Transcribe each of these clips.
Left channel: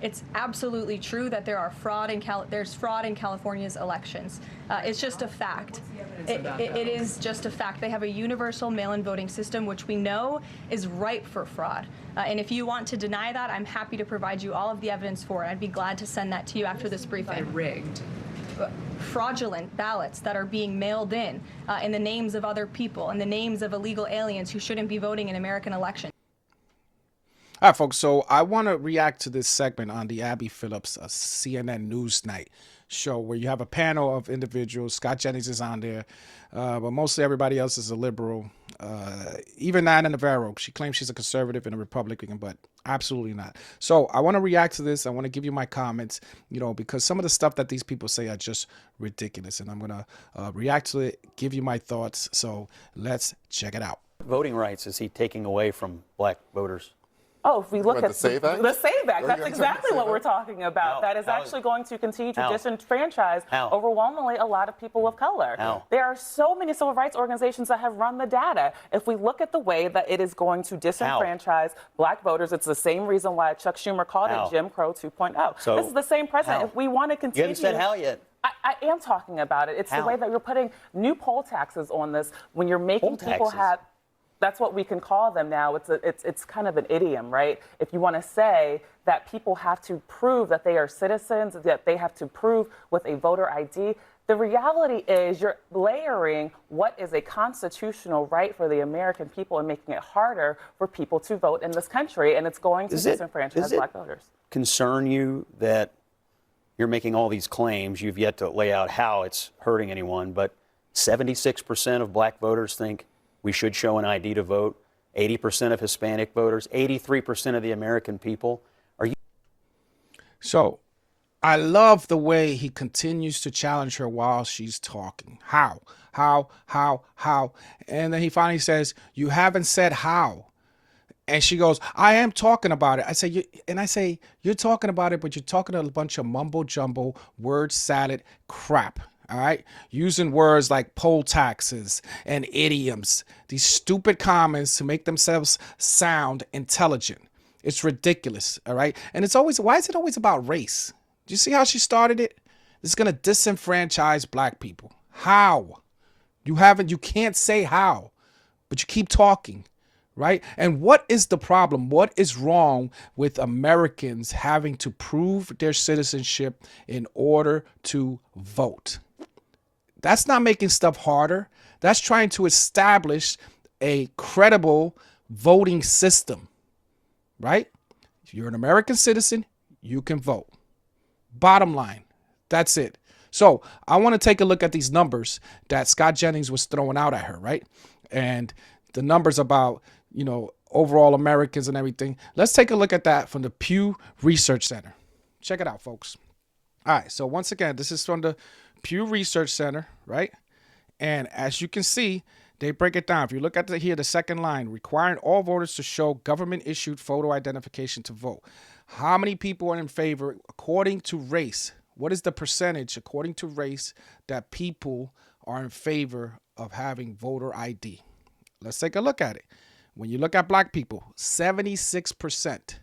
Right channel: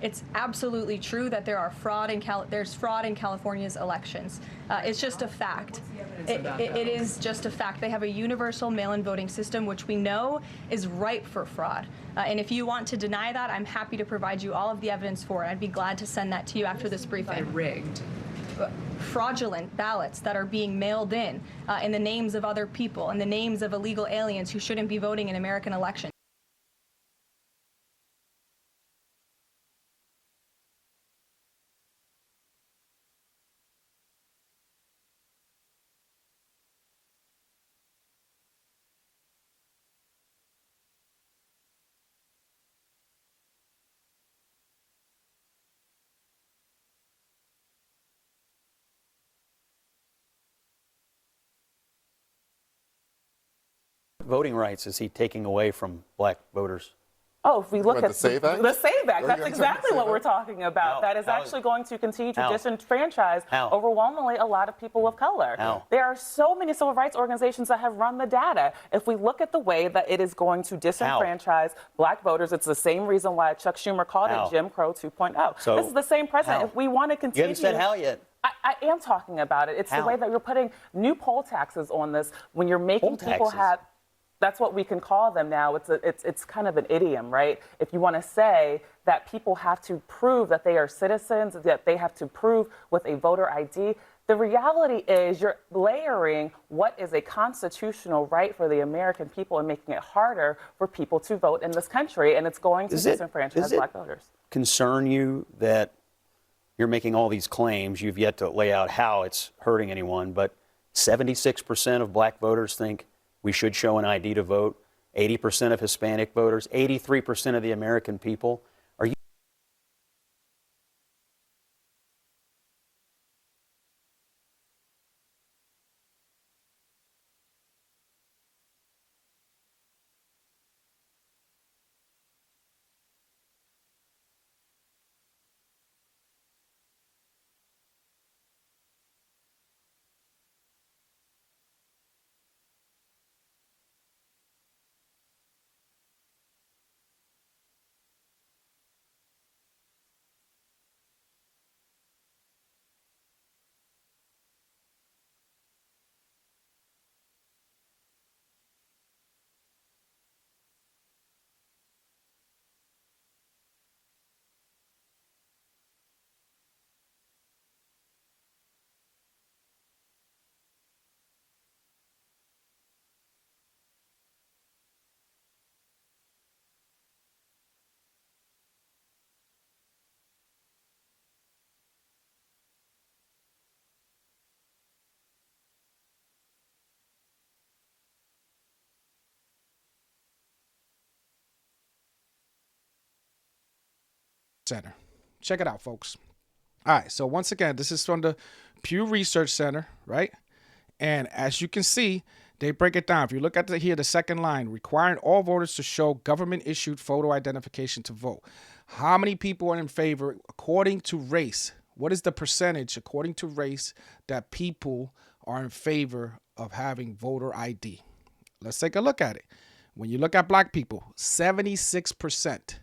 It's absolutely true that there's fraud in California's elections. It's just a fact. It is just a fact. They have a universal mail-in voting system, which we know is ripe for fraud. And if you want to deny that, I'm happy to provide you all of the evidence for it. I'd be glad to send that to you after this briefing. Rigged. Fraudulent ballots that are being mailed in the names of other people, in the names of illegal aliens who shouldn't be voting in American elections. All right, folks, so I want to react to this segment on the Abby Phillips CNN Newsnight show where you have a panel of individuals. Scott Jennings is on there, but mostly everybody else is a liberal. Even Ana Navarro, she claims she's a conservative and a Republican, but absolutely not. So I want to react to this. I want to give you my comments, because some of the stuff that these people say are just ridiculous, and I'm going to react to it, give you my thoughts. So let's check it out. Voting rights is he taking away from black voters? Oh, if we look at the SAVE Act? The SAVE Act, that's exactly what we're talking about. That is actually going to continue to disenfranchise overwhelmingly a lot of people of color. There are so many civil rights organizations that have run the data. If we look at the way that it is going to disenfranchise black voters, it's the same reason why Chuck Schumer called it Jim Crow 2.0. So this is the same president. If we want to continue... You haven't said how yet. I am talking about it. It's the way that you're putting new poll taxes on this when you're making people have... That's what we can call them now. It's kind of an idiom, right? If you want to say that people have to prove that they are citizens, that they have to prove with a voter ID, the reality is you're layering what is a constitutional right for the American people and making it harder for people to vote in this country, and it's going to disenfranchise black voters. Concern you that you're making all these claims? You've yet to lay out how it's hurting anyone, but 76% of black voters think we should show an ID to vote. 80% of Hispanic voters, 83% of the American people. Are you? So I love the way he continues to challenge her while she's talking. How? And then he finally says, you haven't said how. And she goes, I am talking about it. I say, you're talking about it, but you're talking a bunch of mumbo jumbo, word salad crap. All right, using words like poll taxes and idioms, these stupid comments to make themselves sound intelligent. It's ridiculous. All right. And it's always, why is it always about race? Do you see how she started it? It's going to disenfranchise black people. How? You can't say how, but you keep talking. Right. And what is the problem? What is wrong with Americans having to prove their citizenship in order to vote? That's not making stuff harder. That's trying to establish a credible voting system, right? If you're an American citizen, you can vote. Bottom line, that's it. So I want to take a look at these numbers that Scott Jennings was throwing out at her, right? And the numbers about, overall Americans and everything. Let's take a look at that from the Pew Research Center. Check it out, folks. All right, so once again, this is from the Pew Research Center, right? And as you can see, they break it down. If you look at the second line, requiring all voters to show government-issued photo identification to vote. How many people are in favor according to race? What is the percentage according to race that people are in favor of having voter ID? Let's take a look at it. When you look at black people, 76%.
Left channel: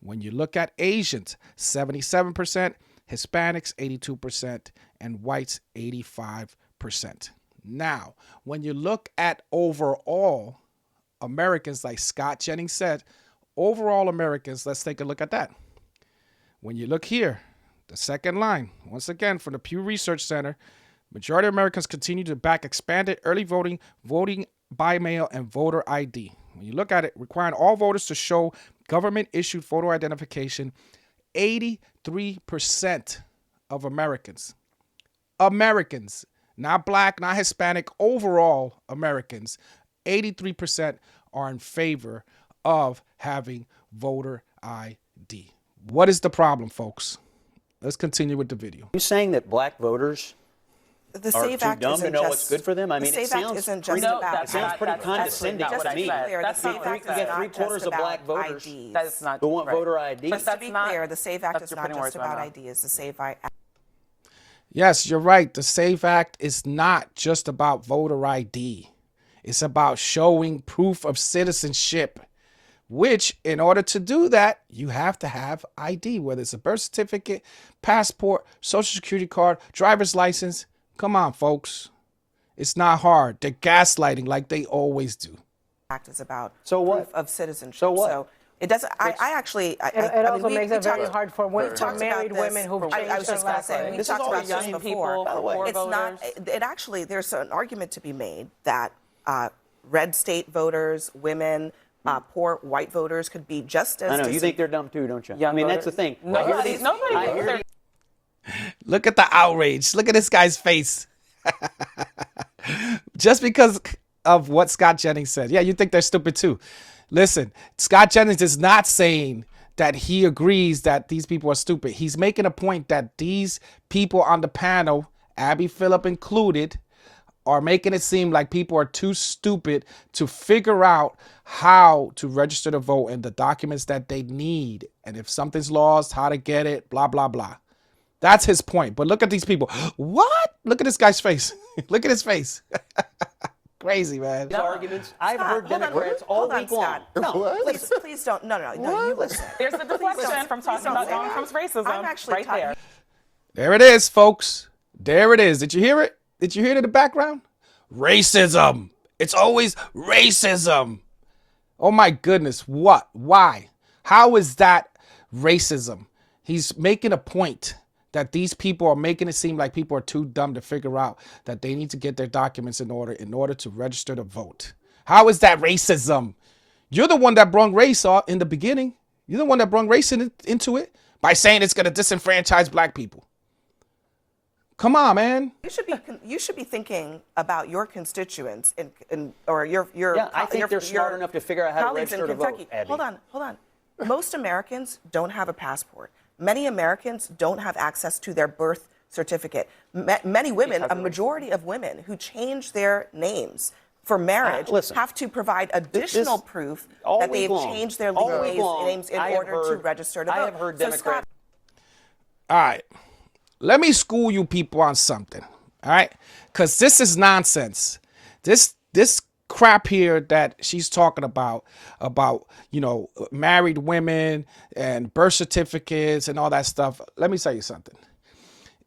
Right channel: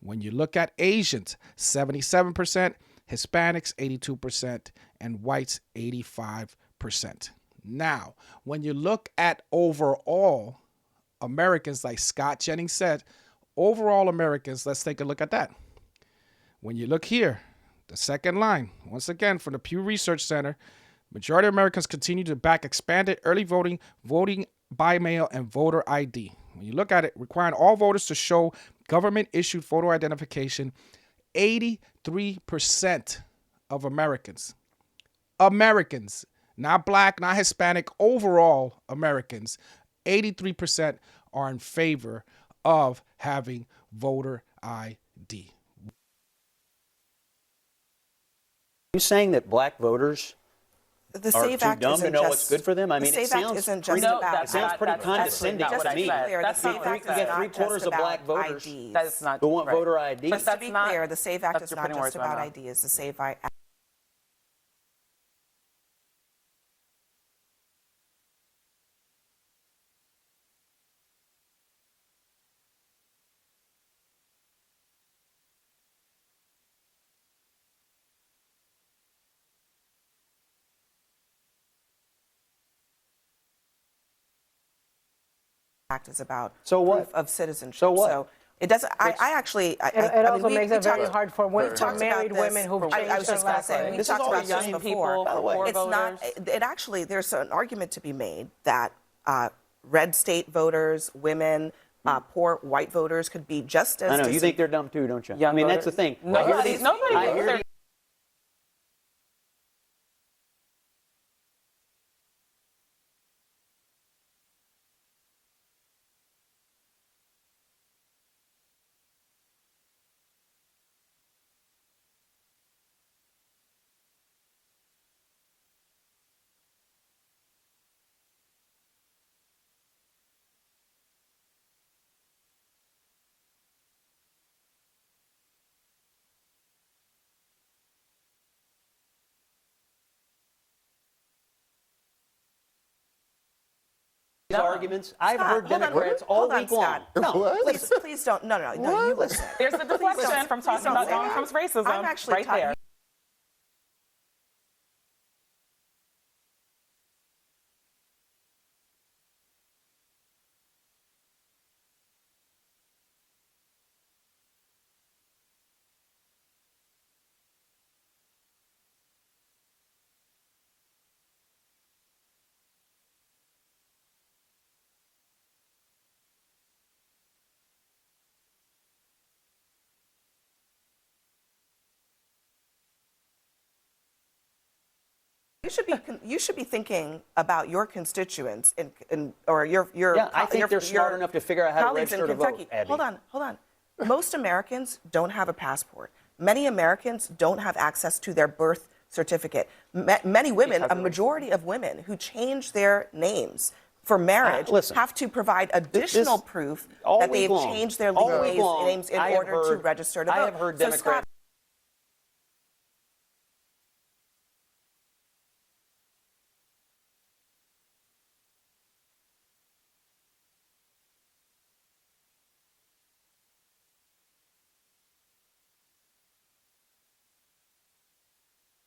When you look at Asians, 77%. Hispanics, 82%, and whites, 85%. Now, when you look at overall Americans, like Scott Jennings said, overall Americans, let's take a look at that. When you look here, the second line, once again, from the Pew Research Center, majority of Americans continue to back expanded early voting, voting by mail, and voter ID. When you look at it, requiring all voters to show government-issued photo identification, 83% of Americans, not black, not Hispanic, overall Americans, 83% are in favor of having voter ID. What is the problem, folks? Let's continue with the video. Are you saying that black voters the are SAVE too Act dumb to know what's good for them? I mean, the it SAVE Act sounds isn't pretty, just about it sounds pretty condescending to me. That's you get three-quarters of black voters who want voter ID. Just to be clear, the SAVE Act is not just about ideas. The SAVE Act. Yes, you're right. The SAVE Act is not just about voter ID. It's about showing proof of citizenship. which in order to do that, you have to have ID, whether it's a birth certificate, passport, social security card, driver's license. Come on, folks. It's not hard. They're gaslighting like they always do. Act is about So what? proof of citizenship. So what? So it doesn't. I actually. It also makes it very hard for married women who've changed I was their just going to last say, name. we This is talked all about this young before. people, by the way. It's not. It actually. There's an argument to be made that red state voters, women, poor white voters could be just as. I know. You think they're dumb too, don't you? Young I mean, that's voters. the thing. Nobody. Look at the outrage. Look at this guy's face. Just because of what Scott Jennings said. Yeah, you think they're stupid too. Listen, Scott Jennings is not saying that he agrees that these people are stupid. He's making a point that these people on the panel, Abby Phillip included, are making it seem like people are too stupid to figure out how to register to vote and the documents that they need. And if something's lost, how to get it, blah, blah, blah. That's his point. But look at these people. What? Look at this guy's face. Look at his face. Crazy, man. These arguments, I've heard hold on, Democrats hold all on, week long. Scott. No, Please don't. No, you listen. There's a deflection from talking about Donald Trump's racism I'm actually right there. There it is, folks. There it is. Did you hear it? Did you hear it in the background? Racism. It's always racism. Oh my goodness. What? Why? How is that racism? He's making a point that these people are making it seem like people are too dumb to figure out that they need to get their documents in order to register to vote. How is that racism? You're the one that brought race in the beginning. You're the one that brought race into it by saying it's going to disenfranchise black people. Come on, man. You should be thinking about your constituents or your. Yeah, I think they're smart enough to figure out how to colleagues in register to vote, Kentucky. Abby. Hold on. Most Americans don't have a passport. Many Americans don't have access to their birth certificate. Many women, a majority of women who change their names for marriage have to provide additional proof that they've changed their legal names in order to register to vote. I have heard Democrats. All right. Let me school you people on something. All right. Because this is nonsense. This crap here that she's talking about, married women and birth certificates and all that stuff. Let me tell you something.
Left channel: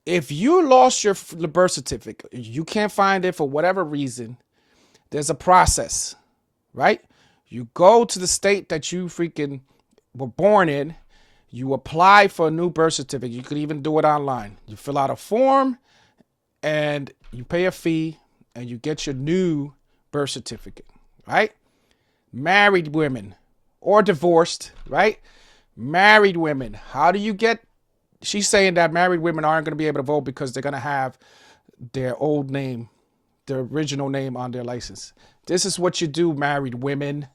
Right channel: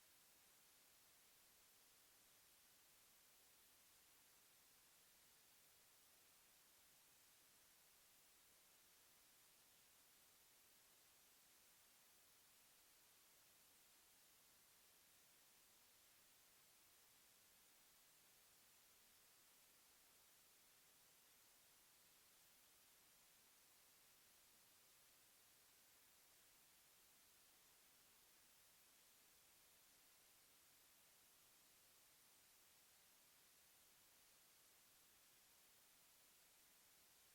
If you lost your birth certificate, you can't find it for whatever reason, there's a process, right? You go to the state that you freaking were born in, you apply for a new birth certificate. You could even do it online. You fill out a form and you pay a fee and you get your new birth certificate, right? Married women or divorced, right? Married women. How do you get? She's saying that married women aren't going to be able to vote because they're going to have their old name, their original name on their license. This is what you do, married women,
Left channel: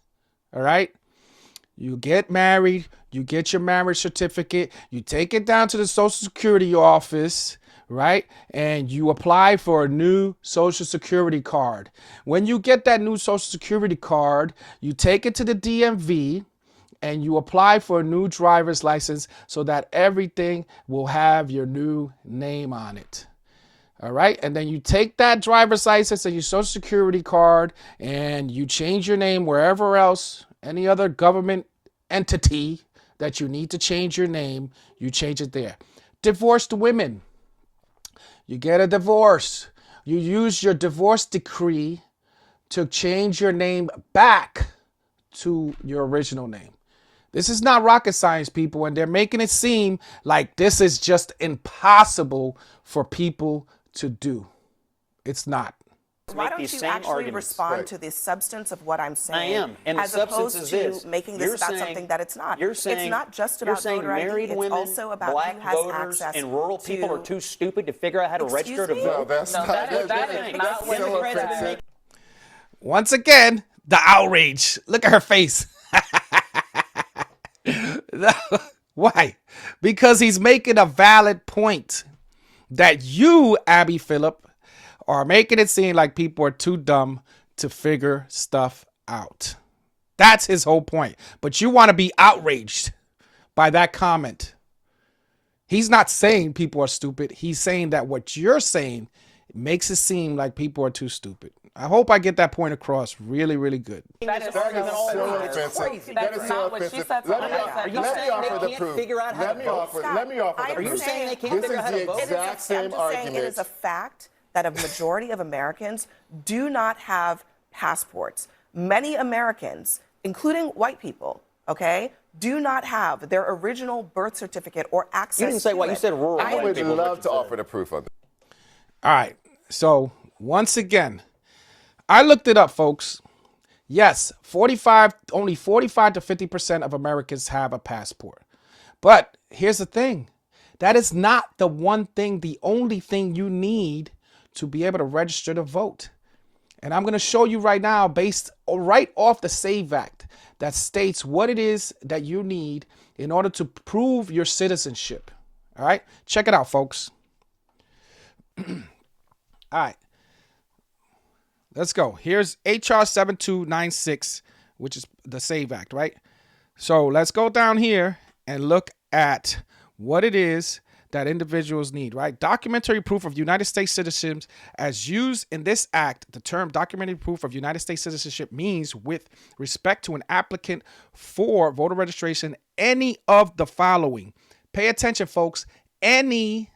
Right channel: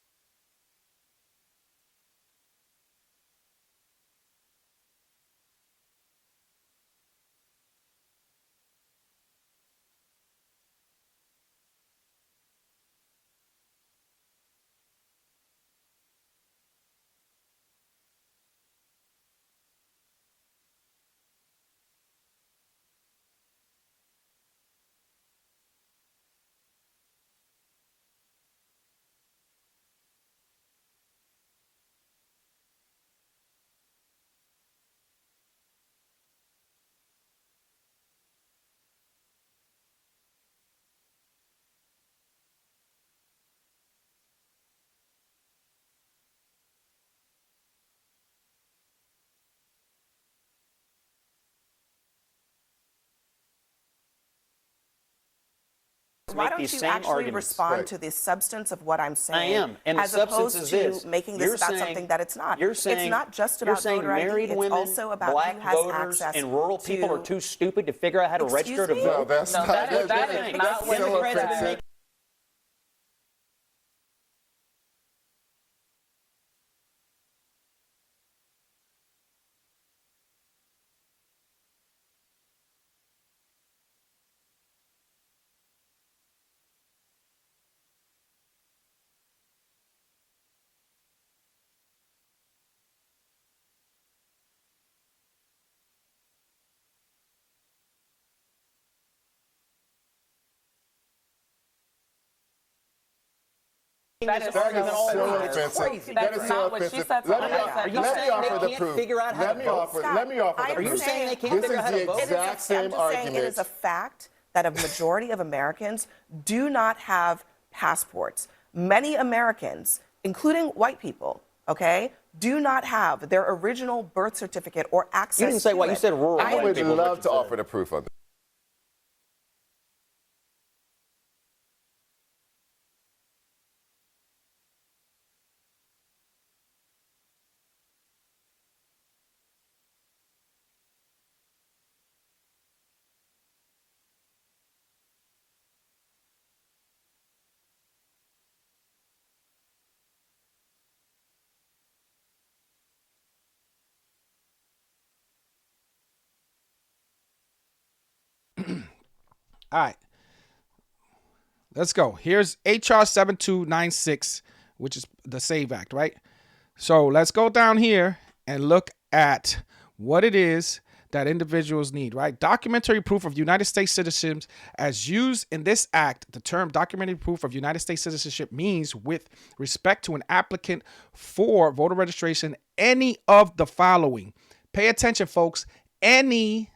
all right? You get married, you get your marriage certificate, you take it down to the Social Security office, right? And you apply for a new Social Security card. When you get that new Social Security card, you take it to the DMV and you apply for a new driver's license so that everything will have your new name on it. All right. And then you take that driver's license and your Social Security card and you change your name wherever else, any other government entity that you need to change your name, you change it there. Divorced women. You get a divorce. You use your divorce decree to change your name back to your original name. This is not rocket science, people, and they're making it seem like this is just impossible for people to do. It's not. Why don't you actually respond to the substance of what I'm saying? I am, and as the substance opposed is to this. making this about something that it's not. You're saying, it's not just about voter ID. married It's women, also about black who has voters, access and rural people are too stupid to figure out how to register to me? vote. No, That is not what Democrats it is. Once again, the outrage. Look at her face. Why? Because he's making a valid point that you, Abby Phillip, are making it seem like people are too dumb to figure stuff out. That's his whole point. But you want to be outraged by that comment. He's not saying people are stupid. He's saying that what you're saying makes it seem like people are too stupid. I hope I get that point across really, really good. That is This argument all so week. offensive. It's crazy. That's not what she said. Let me Are you saying they can't figure out how to vote? Let me offer the Are proof. you saying they can't This figure is out how to the vote? exact same I'm just saying argument. it is a fact that a majority of Americans do not have passports. Many Americans, including white people, okay, do not have their original birth certificate or access to it. You didn't say what, you said rural I white would people. love to offer the proof on that. All right. So once again, I looked it up, folks. Yes, only 45 to 50% of Americans have a passport. But here's the thing. That is not the only thing you need to be able to register to vote. And I'm going to show you right now, based right off the SAVE Act, that states what it is that you need in order to prove your citizenship. All right, check it out, folks. All right, let's go. Here's HR 7296, which is the SAVE Act, right? So let's go down here and look at what it is that individuals need, right? Documentary proof of United States citizens as used in this act. The term documentary proof of United States citizenship means with respect to an applicant for voter registration, any of the following. Pay attention, folks. Any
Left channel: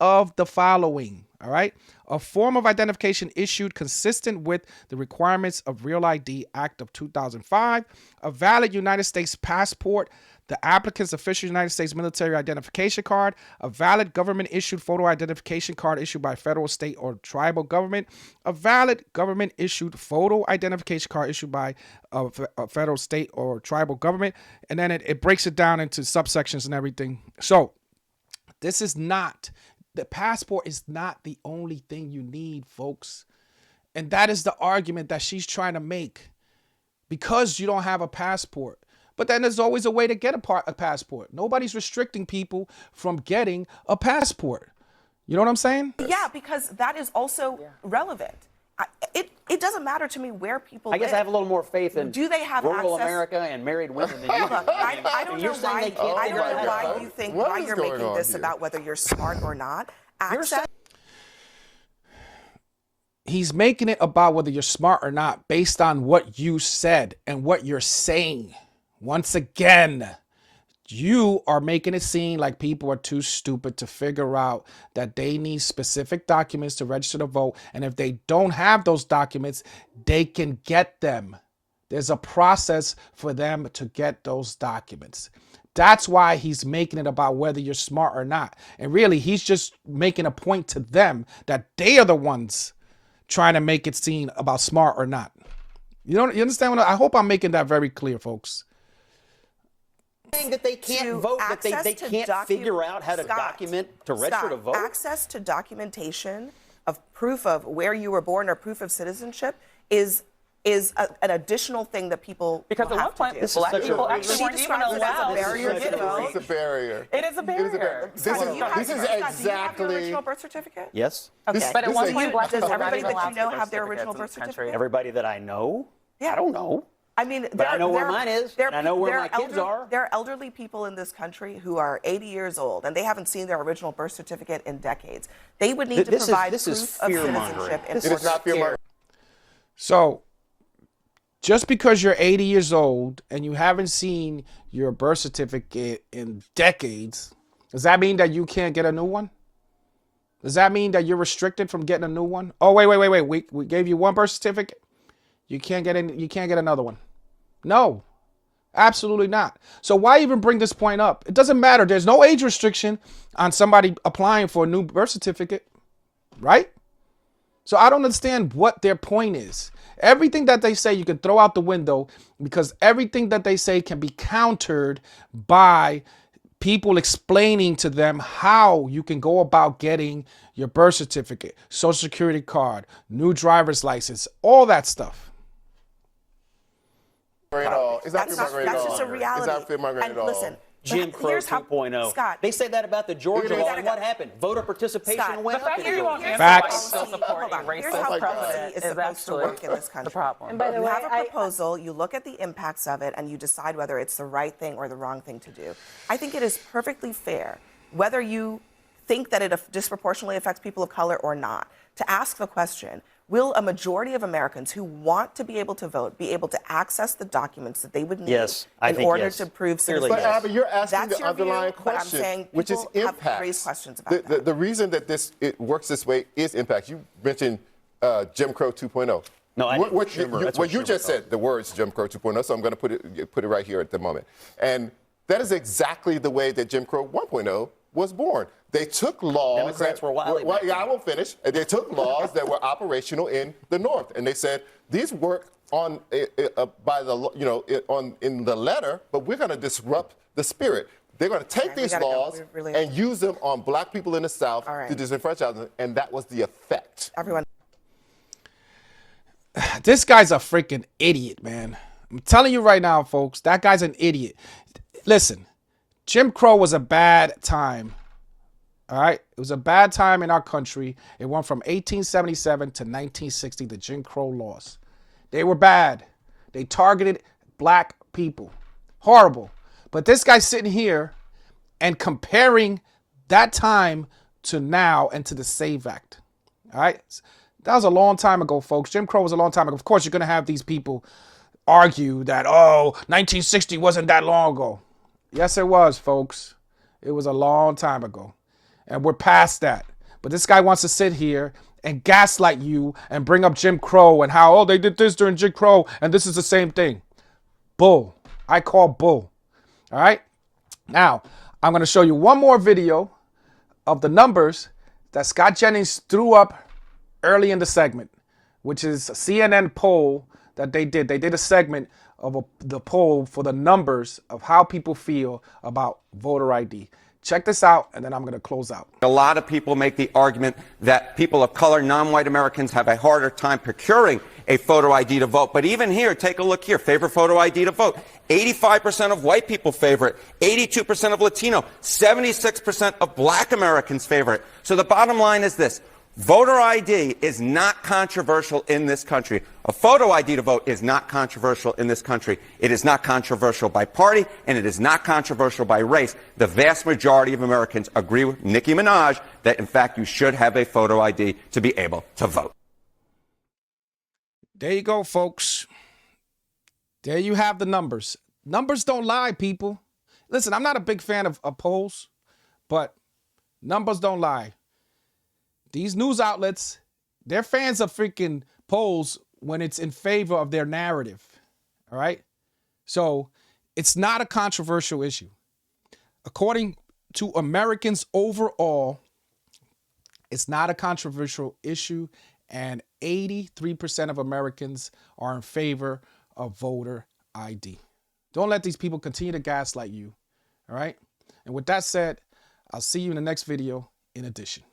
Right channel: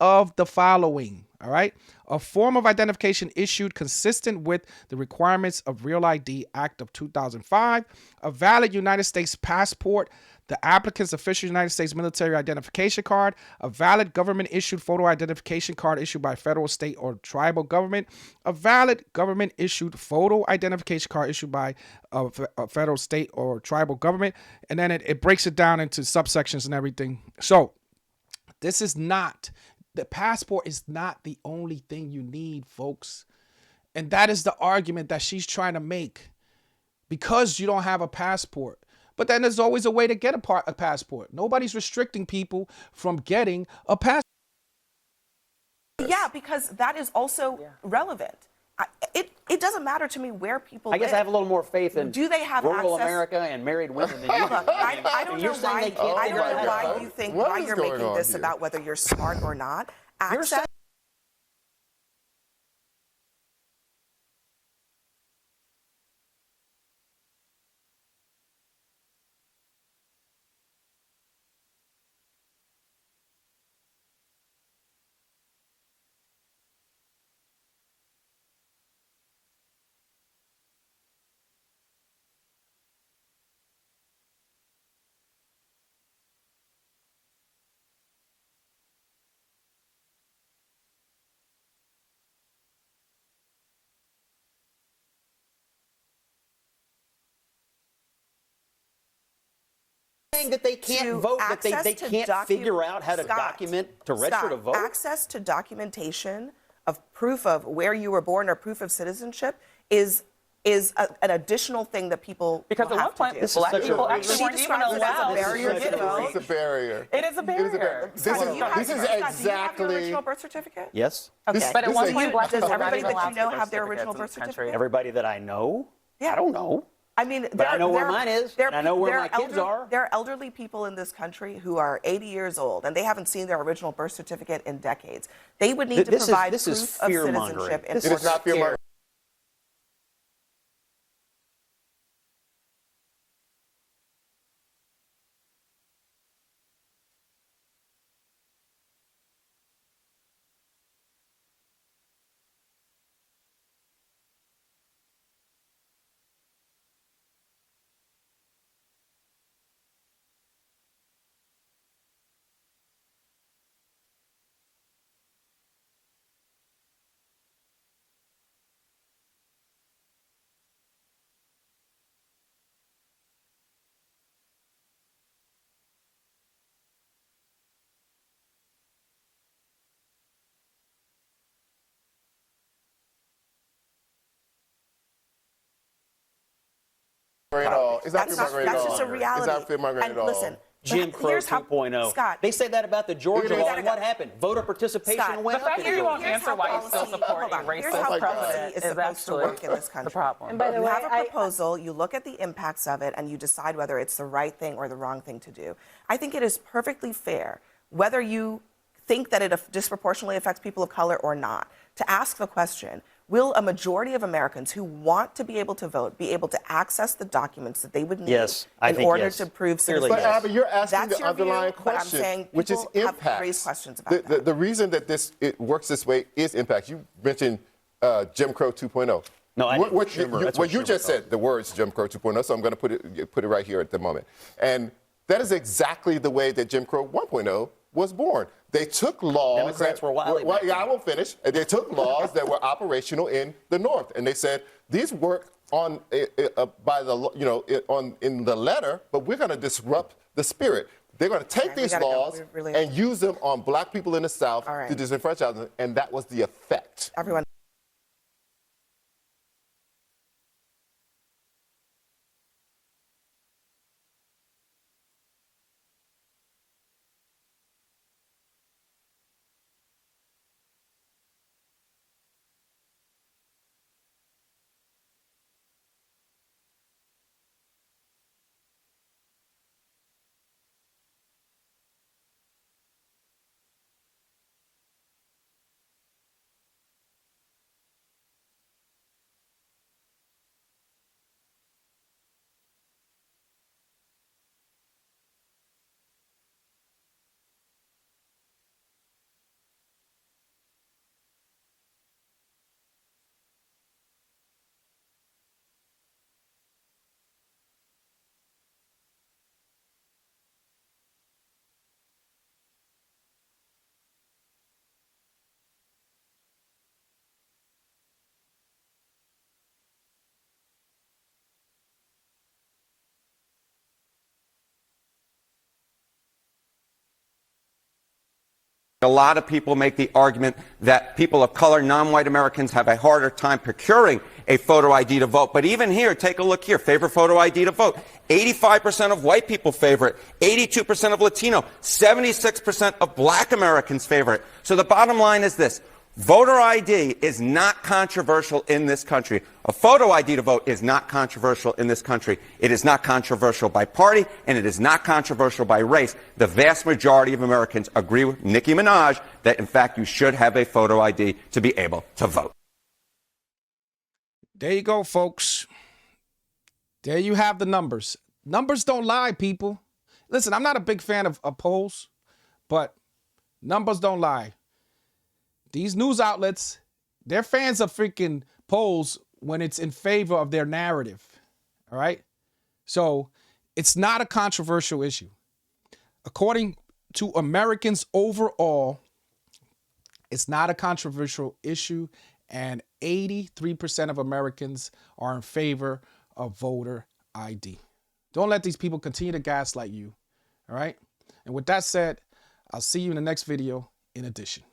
of the following, all right? A form of identification issued consistent with the requirements of Real ID Act of 2005, a valid United States passport, the applicant's official United States military identification card, a valid government-issued photo identification card issued by federal, state, or tribal government, a valid government-issued photo identification card issued by a federal, state, or tribal government, and then it breaks it down into subsections and everything. So the passport is not the only thing you need, folks. And that is the argument that she's trying to make, because you don't have a passport. But then there's always a way to get a passport. Nobody's restricting people from getting a passport. You know what I'm saying? Yeah, because that is also relevant. It doesn't matter to me where people live. I guess I have a little more faith in Do they have rural access? America and married women than you do. Look, I don't know why you think What why is you're going making on this here? about whether you're smart or not. Access. He's making it about whether you're smart or not based on what you said and what you're saying. Once again, you are making it seem like people are too stupid to figure out that they need specific documents to register to vote. And if they don't have those documents, they can get them. There's a process for them to get those documents. That's why he's making it about whether you're smart or not. And really, he's just making a point to them that they are the ones trying to make it seem about smart or not. You understand what I hope I'm making that very clear, folks. Saying that they can't vote, that they can't figure out how to document to register to vote? Access to documentation of proof of where you were born or proof of citizenship is an additional thing that people Because will at have one to point, do. black people actually She weren't even describes it as a allowed. barrier to vote. It's a barrier. It is a barrier. This Scott, do you have- is Scott, do you have your exactly. original birth certificate? Yes. Okay. But at This one is- point, black Does people weren't everybody even that allowed you know to have their certificates original in birth this country. certificate? Everybody that I know? Yeah. I don't know. I mean, But I know where mine is, there and I know where my kids elder- are. There are elderly people in this country who are 80 years old, and they haven't seen their original birth certificate in decades. They would need to provide this is proof of fear-mongering. citizenship. in This It order is not to- fear-mongering. So just because you're 80 years old and you haven't seen your birth certificate in decades, does that mean that you can't get a new one? Does that mean that you're restricted from getting a new one? Oh, wait. We gave you one birth certificate. You can't get another one. No, absolutely not. So why even bring this point up? It doesn't matter. There's no age restriction on somebody applying for a new birth certificate, right? So I don't understand what their point is. Everything that they say you can throw out the window, because everything that they say can be countered by people explaining to them how you can go about getting your birth certificate, social security card, new driver's license, all that stuff. At all. It's not That's fear-mongering at all. just a reality. It's not fear-mongering And at all. listen, Jim Crow here's how- 2.0. Scott, They say that about the Georgia It is- law, and what happened? Voter participation Scott, went The up. fact in that you won't Georgia. answer why you Facts. still support a Hold on. Here's racist how president policy is is supposed to work in this country. the problem. And by the You way, have a proposal, you look at the impacts of it, and you decide whether it's the right thing or the wrong thing to do. I think it is perfectly fair, whether you think that it disproportionately affects people of color or not, to ask the question, Will a majority of Americans who want to be able to vote be able to access the documents that they would need Yes, I in think order yes. to prove Clearly, citizenship? But Abby, you're asking That's the your underlying view, but I'm question, saying which is people have impacts. raised questions about that. The reason that it works this way is impacts. You mentioned Jim Crow 2.0. No, I didn't. Schumer, that's what you Schumer just called said the words Jim Crow 2.0, so I'm going to put it right here at the moment. And that is exactly the way that Jim Crow 1.0 was born. They took laws. Democrats were wily. Yeah, I won't finish. They took laws that were operational in the North, and they said these work on by the in the letter, but we're going to disrupt the spirit. They're going to take these laws and use them on black people in the South to disenfranchise them, and that was the effect. Everyone. This guy's a freaking idiot, man. I'm telling you right now, folks, that guy's an idiot. Listen, Jim Crow was a bad time. All right? It was a bad time in our country. It went from 1877 to 1960, the Jim Crow laws. They were bad. They targeted black people. Horrible. But this guy's sitting here and comparing that time to now and to the SAVE Act. All right? That was a long time ago, folks. Jim Crow was a long time ago. Of course, you're going to have these people argue that, 1960 wasn't that long ago. Yes, it was, folks. It was a long time ago. And we're past that. But this guy wants to sit here and gaslight you and bring up Jim Crow and how, they did this during Jim Crow and this is the same thing. Bull. I call bull. All right? Now, I'm going to show you one more video of the numbers that Scott Jennings threw up early in the segment, which is a CNN poll that they did. They did a segment of the poll for the numbers of how people feel about voter ID. Check this out, and then I'm going to close out. A lot of people make the argument that people of color, non-white Americans, have a harder time procuring a photo ID to vote. But even here, take a look here. Favorite photo ID to vote. 85% of white people favor it. 82% of Latino. 76% of black Americans favor it. So the bottom line is this. Voter ID is not controversial in this country. A photo ID to vote is not controversial in this country. It is not controversial by party, and it is not controversial by race. The vast majority of Americans agree with Nicki Minaj that, in fact, you should have a photo ID to be able to vote. There you go, folks. There you have the numbers. Numbers don't lie, people. Listen, I'm not a big fan of polls, but numbers don't lie. These news outlets, they're fans of freaking polls when it's in favor of their narrative. All right? So it's not a controversial issue. According to Americans overall, it's not a controversial issue, and 83% of Americans are in favor of voter ID. Don't let these people continue to gaslight you. All right? And with that said, I'll see you in the next video in addition.